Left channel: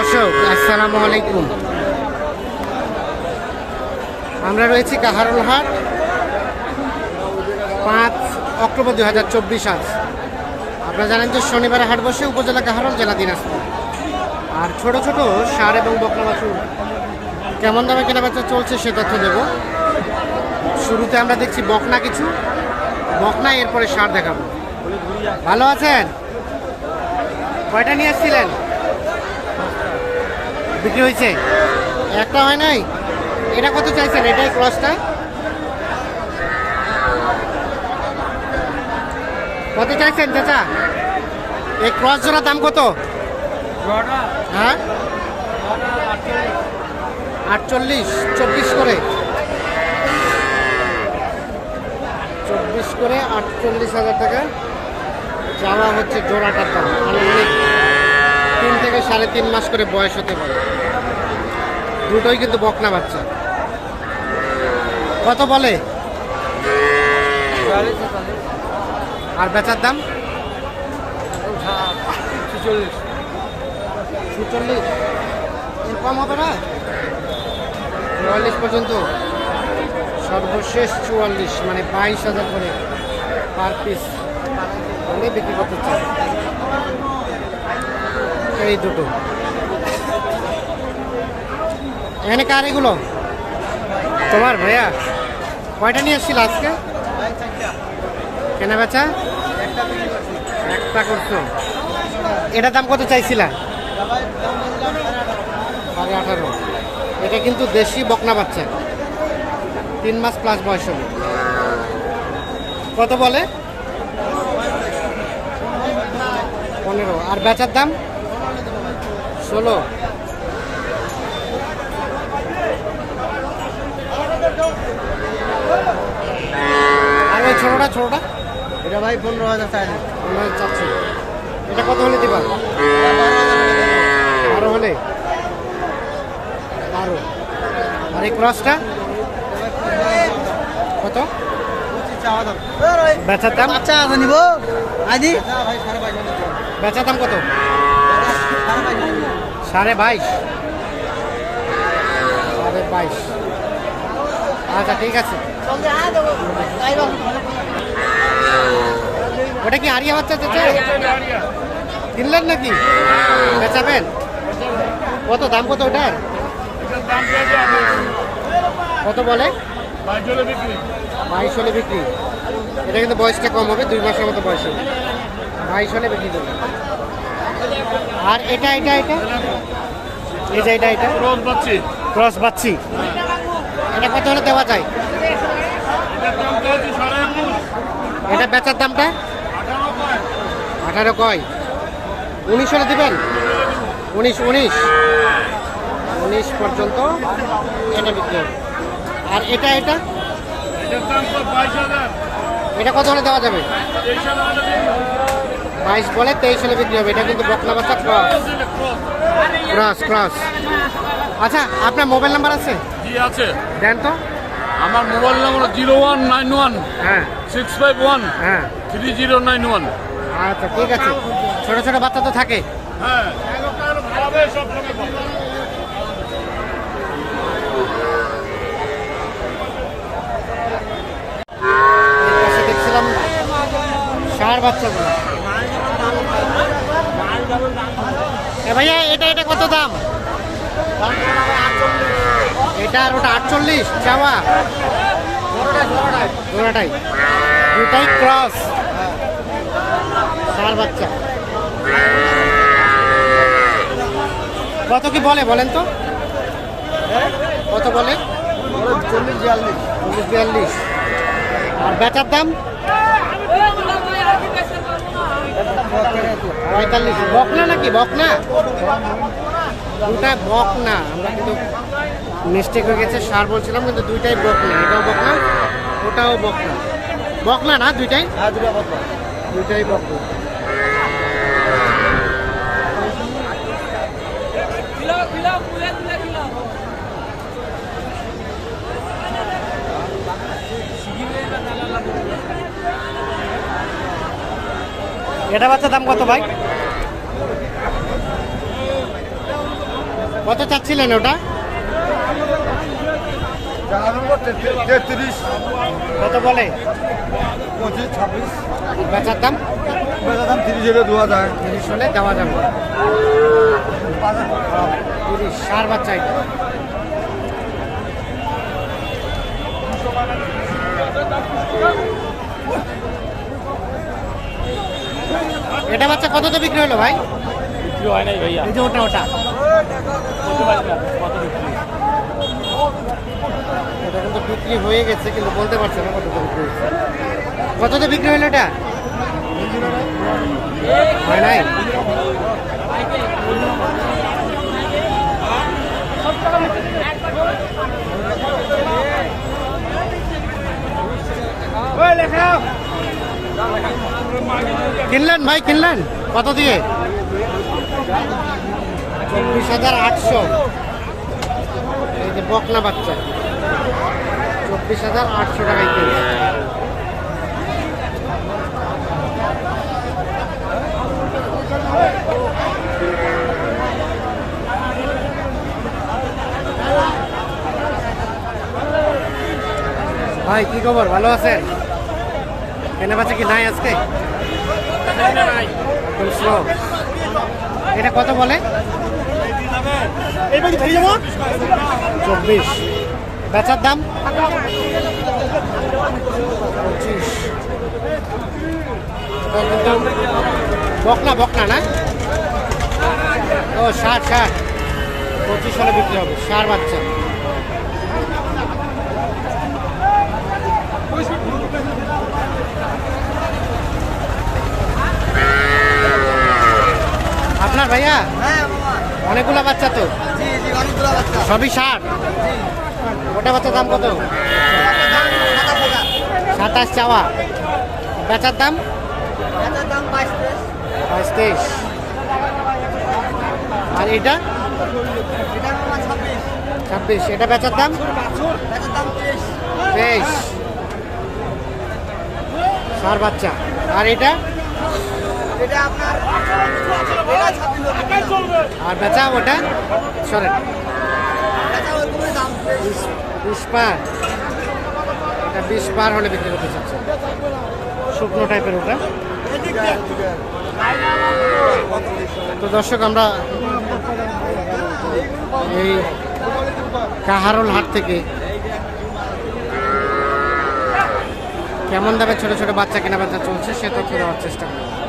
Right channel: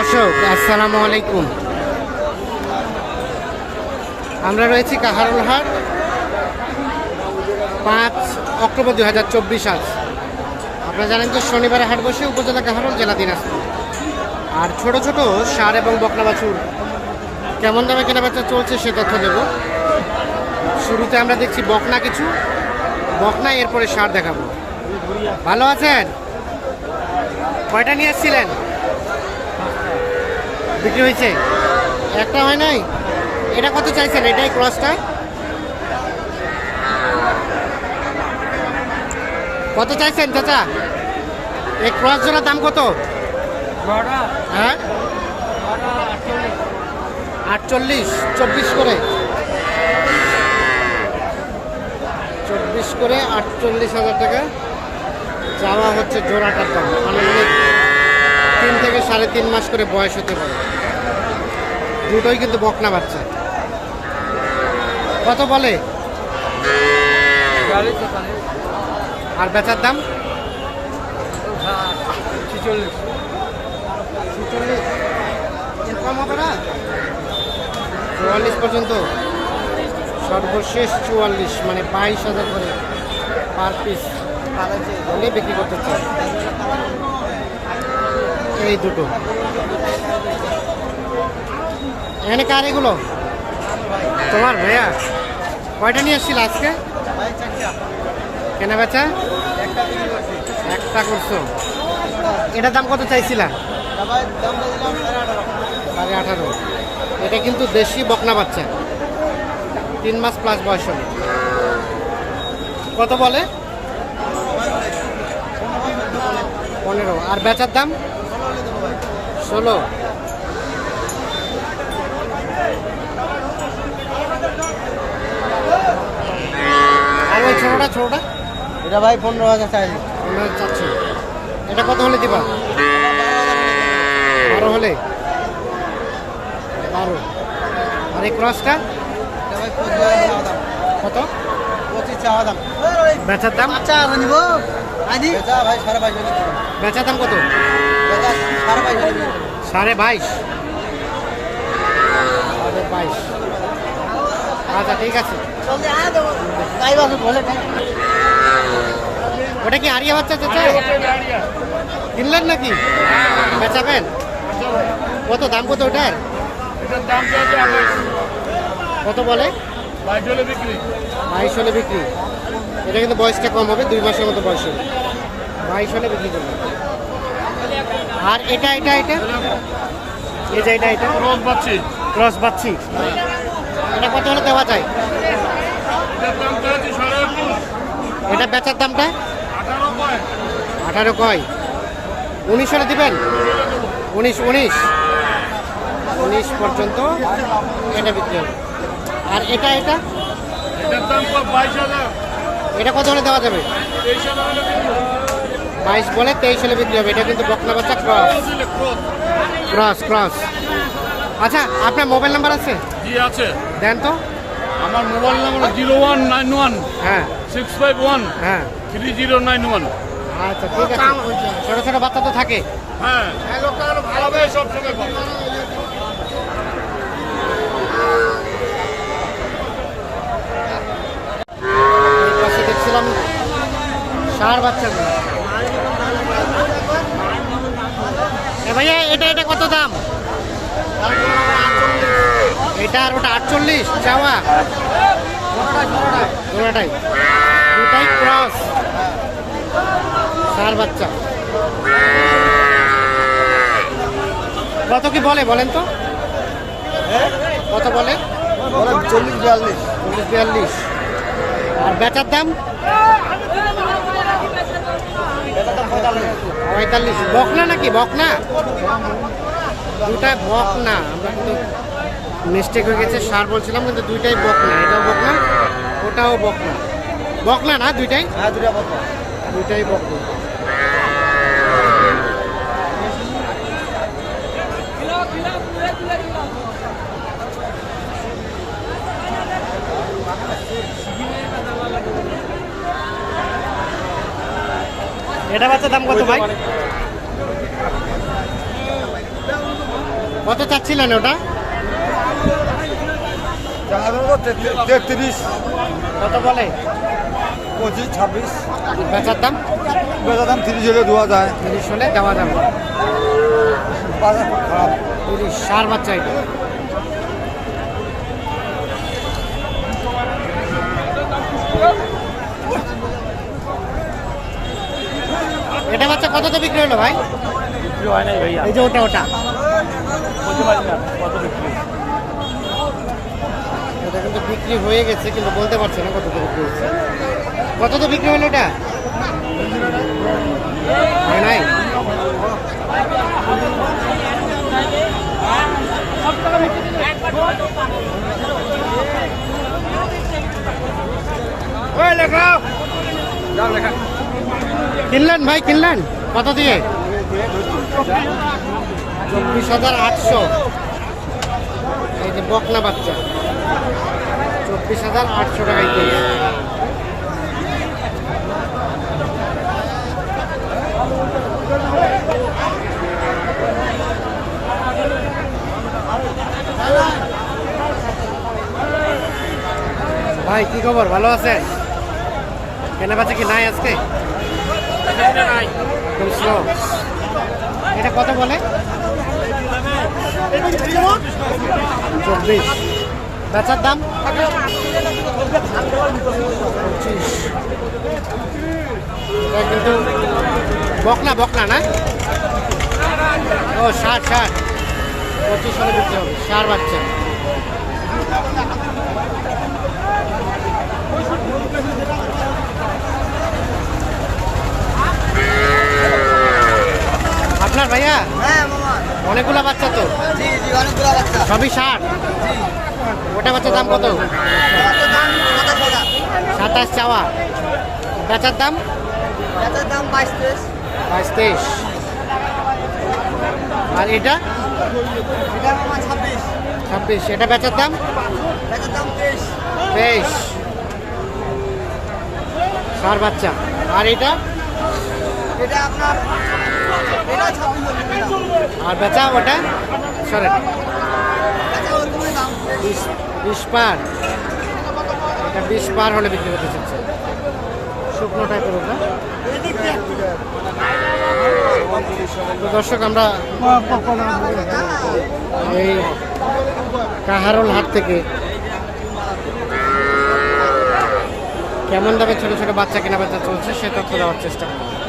দর্শক, আসসালামু আলাইকুম। আমরা রয়েছি কাহারুল হাট। পাঁচ অক্টোবর দুই হাজার চব্বিশ আজ। আপনারা জানেন যে শনিবারে হাট বসে উপজেলা কাহারুল, জেলা দিনাজপুর। আর ছোট ছোট সার এবং বকনা বাছুর কেমন দামে কেনা বেচা চলছে সে তথ্য দেব। শুরুতে আমরা দেখছি বকনা কিছু। বকনা, এরপরে সার দেখাবো। ভালো আছেন? কয়টা নিয়ে এসেছিলেন বিক্রি হয়েছে? একটা হয় নাই? এটা কত চাইছেন? এটাই ক্রসটা? কত চাইছেন চাচা? এই ক্রস জোড়ার দাম কত? হ্যাঁ? আটচল্লিশ। চব্বিশ করে। চব্বিশ করে আটচল্লিশ হাজার টাকা। যাওয়া হচ্ছে জোড়াটার দাম। আনুমানিক তিন থেকে সাড়ে তিন মাস করে বয়স হতে পারে। দুটোই কিন্তু বকনা বাচ্চা। কত বলে? আর বেচার দাম? হবে না? চুয়াল্লিশ পর্যন্ত। সর্বশেষ চুয়াল্লিশ মানে বাইশ হাজার করে পার পিস হলে বিক্রি করতে চাই। এই দুটো। এখানে কার এগুলো? তোমার ভাইয়া? কয়টা নিয়ে এসছিল আজকে? কেনা বেচা? একটা করছ। এটার দাম কত চাইছিলা? সাড়ে আঠারো। এটা কিন্তু দেশি বকনা বাচ্চা। তিন মাস প্লাস বয়স হবে। কত বলে? পনেরো। আর বেচার দাম? ষোলো। আর ওই ছোটোটা ছোটোটা। এটা ভাই পনেরো হাজার চাইলে আমরা চাচ্ছি। এটা কত হলে দিবা? বারো হলে? বারো। আর এই ক্রসটা? কত? বেচার দাম? আচ্ছা বেচার দাম কত? সাড়ে বাইশ। সাড়ে বাইশ। আচ্ছা ঠিক আছে। ওটা কি হারিয়ে বাচ্চা চাচা? কিনলেন নাকি? বেচাবেন। কত দাম কত ওটার? কত বলে? বাইশ হলে বিক্রি। এটা কিন্তু বয়সটা কম হবে দুই মাসের মতো বয়স হবে। বাইশ হলে বিক্রি করবে আর এটা এটা এটা? এই যে এটা এটা? রোজ পাচ্ছি ক্রস বাচ্ছি এটা কত হলে দেওয়া যায়? এটা বেচার দামটা? আঠারো কয়? উনিশ হলে দিবেন? উনিশ উনিশ। উনিশ পর্যন্ত এটা বিক্রি হবে। আর এটা এটা? এটা কত হলে দেওয়া যাবে? বাইশ বলে তেইশ হলে বিক্রি হবে। এটা কিন্তু বকনা বাচ্চা ক্রস ক্রস ক্রস আচ্ছা আপনার মোবাইল নাম্বার আছে? জি আছে। দেন তো। আমার mobile number zero one nine one হ্যাঁ। সিক্স ফাইভ ওয়ান হ্যাঁ। Three zero nine one. আচ্ছা ঠিক আছে। ছোট ছোট বাচ্চা তো থাকে। হ্যাঁ। দেখছিলাম ষাঁড় বাচ্চাগুলো। ভাইয়া এটা এটা কত দাম? এটা আর ওটা আটচল্লিশ চাওয়া। দুটাই দুটাই ক্রস ষাঁড় বাচ্চা। কত কি বলে বলেন তো? কত বলে? চল্লিশ বিয়াল্লিশ। চল্লিশ বিয়াল্লিশ। আর বেচার দাম? পঁয়তাল্লিশ। বকনা নাকি? বকনা? দুটা বকনা। আমরা কিন্তু মিস্টেক হয়ে গেছে সার বলছিলাম কিন্তু দুইটাই বকনা। এটাও বকনা ওটাও বকনা। বকনা না দুইটাই? হ্যাঁ দুটা বকনা। দুইটাই বকনা। এটা বাচ্চার দাম কত ভাই? কত চাচ্ছিলেন ওটা? তেত্রিশ। কত বলে? পঁচিশ ছাব্বিশ। বেচার দাম? বেচা দাম তিরিশ হলে দু হাজার। তিরিশ হলে দেওয়া যাবে। তিরিশ সার বাচ্চা এটা। এটা বাচ্চা কততে বিক্রি হলো ভাই? বিক্রি হয় নাই ভাইয়া। এই যে ওটা ওটা। ওটা কিন্তু বিক্রি হয়ে গেছে কিন্তু বলতে পারছে না কততে বিক্রি হয়েছে কততে বিক্রি হলো এটা? হয় নাই? কিনলেন ভাই, কিনলেন? কত দিয়ে? চব্বিশ হাজার আটশো। এই যে বকনা বাচ্চা। চব্বিশ হাজার আটশো টাকায় কিনে ভাই, কি খবর? ভালো আছেন? কেনা বেচা কি নাই আজকে? এটা কত বলে? চব্বিশ। বেচার দাম? পঁচিশ। কিন্তু বকনা বকনা না? ও, ষাট ষাট। পঁচিশ সালে বিক্রি হবে, ষাট বাচ্চা। আপনার ভাইয়া? হ্যাঁ অনেকগুলা বাচ্চা তো? সবই ষাট ওটা বাচ্চার দাম কত? সাতাশ চাওয়া। বেচার দাম? বাইশ তেইশ। আর এটা? ছাব্বিশ। এটা বেচার দাম? তেইশ। সার বাচ্চা। আর এটা এটা আপনার এটা ছাব্বিশ আর বেচা ওটা? সরেন বিশ পার। এটা বিশ পার হলে বিক্রি করতে চাচ্ছে। শুকনো টাইপের ওটা। তো দর্শক আমরা এই কাহারোল হাট থেকে কেমন দামে ছোট ছোট বাচ্চা কেনা বেচা চলছে সে তথ্য দেওয়ার চেষ্টা করব।